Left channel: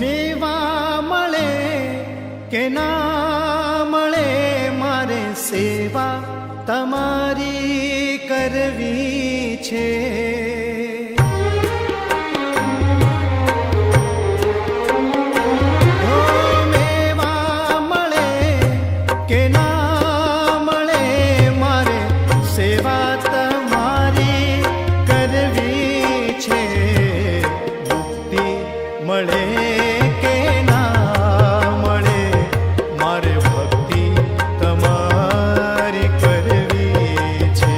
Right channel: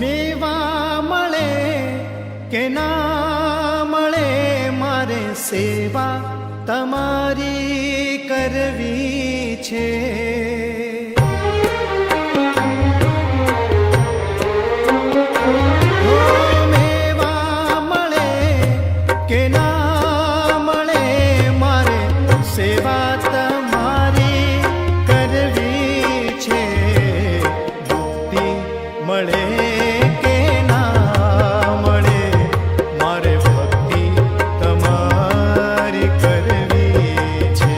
મેવા મળે કે ના મળે મારે સેવા તમારી કરવી છે. ઓ મેવા મળે કે ના મળે મારે સેવા તમારી કરવી છે. મુક્તિ મળે કે ના મળે મારે ભક્તિ તમારી કરવી છે.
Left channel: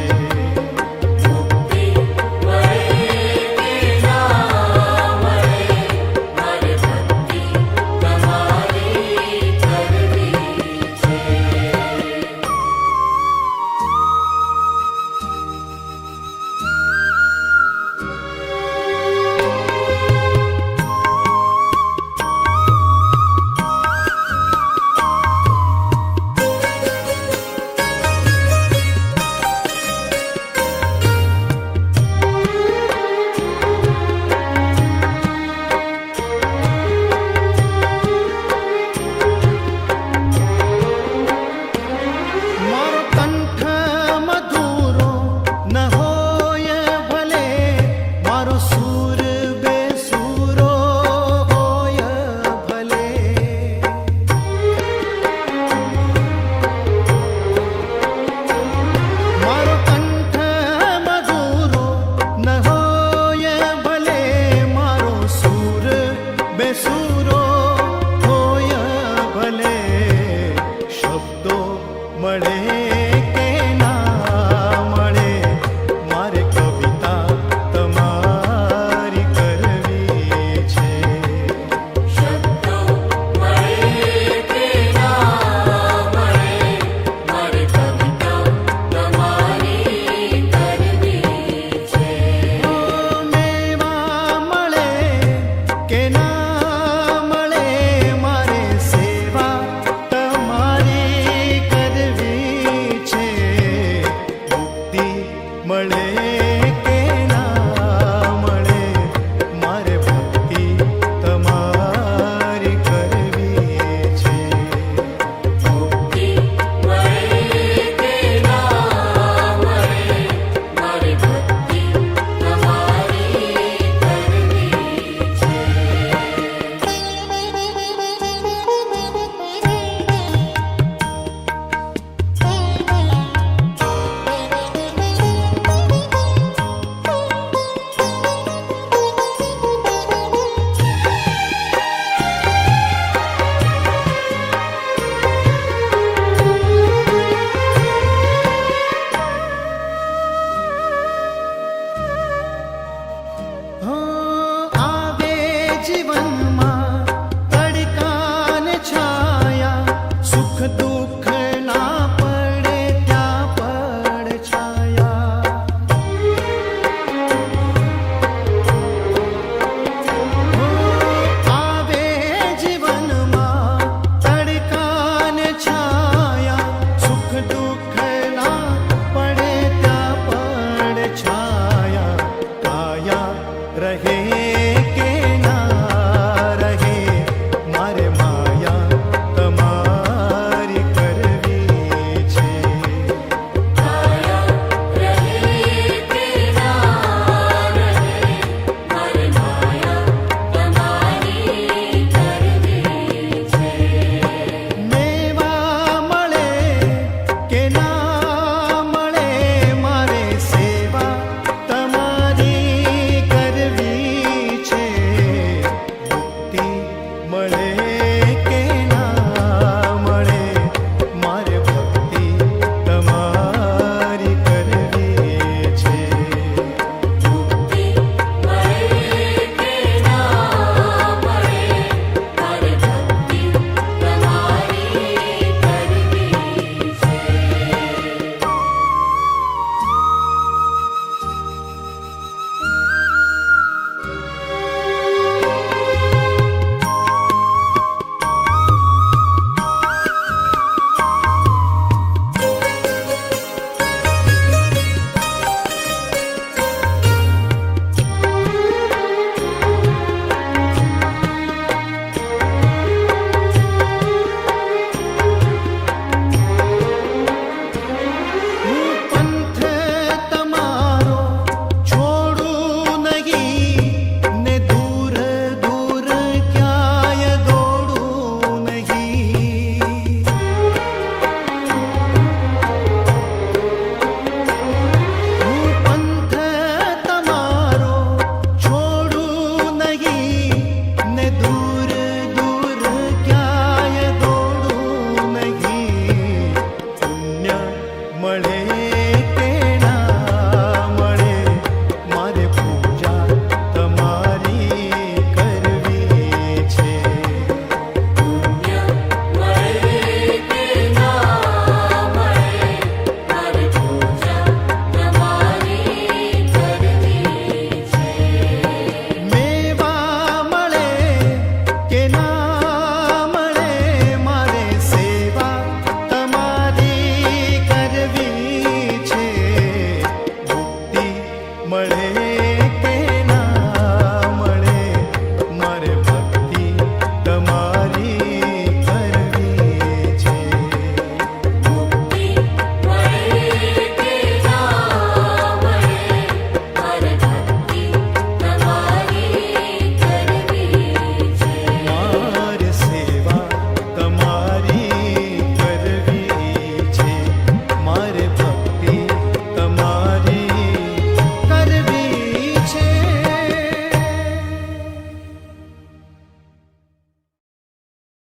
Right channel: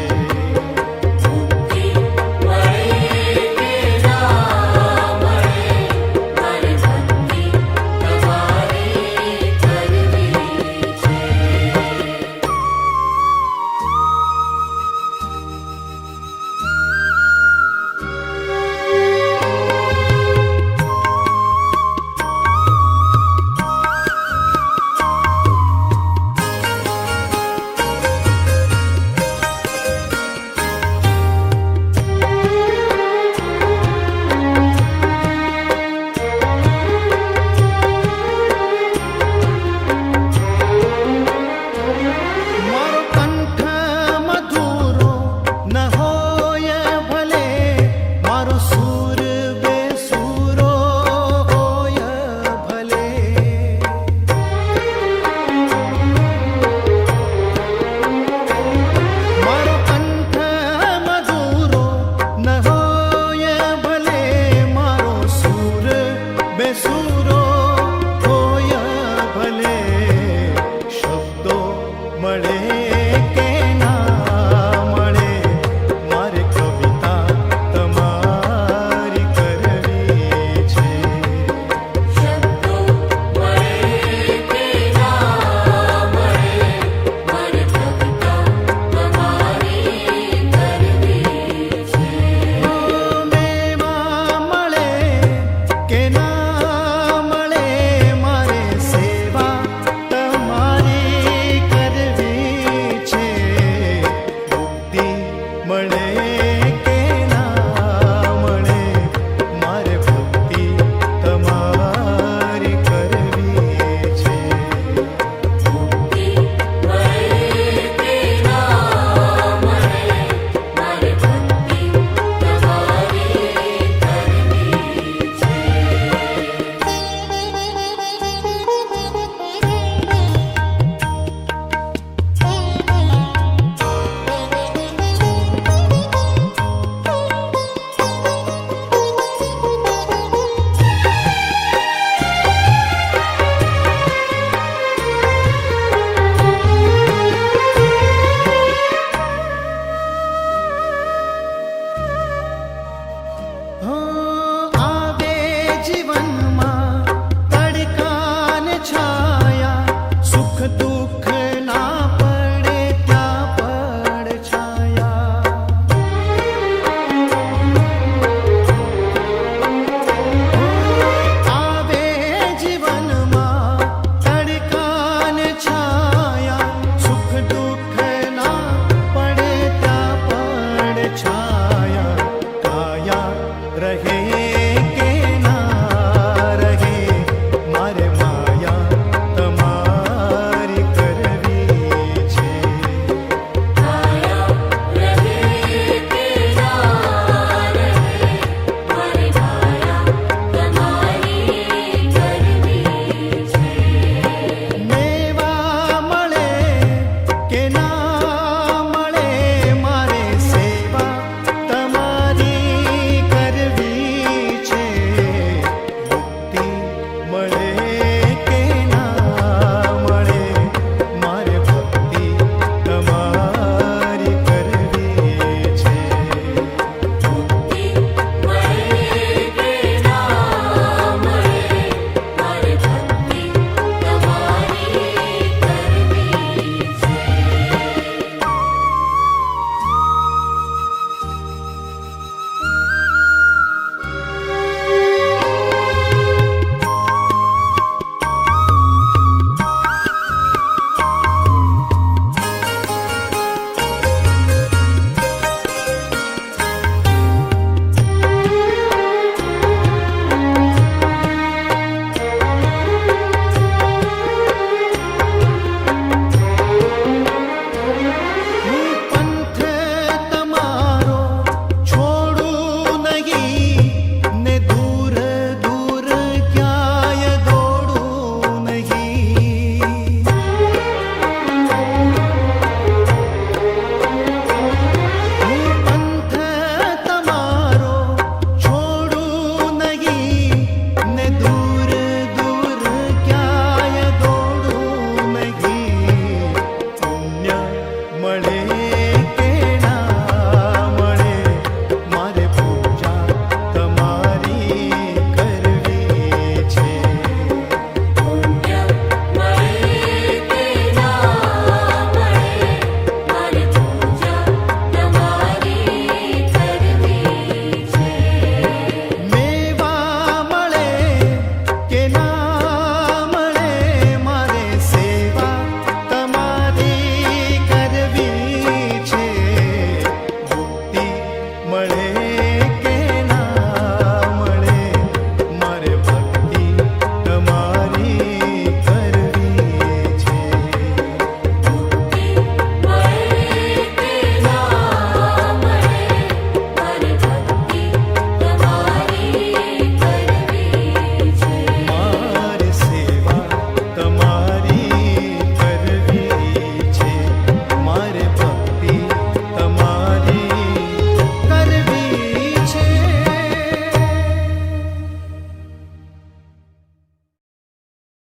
બેસુરો હોય ભલે શબ્દો મળે કે ના મળે મારે કવિતા તમારી કરવી છે. મેવા મળે કે ના મળે કે ના મળે મારે ભક્તિ તમારી કરવી છે. જીવનમાં તડકા ને છાયા સુખ દુઃખ ના પડે ત્યાં પડ છાયા. આવે જીવનમાં તડકા ને છાયા સુખ દુઃખ ના પડે ત્યાં પડ છાયા. કાયા રહે કે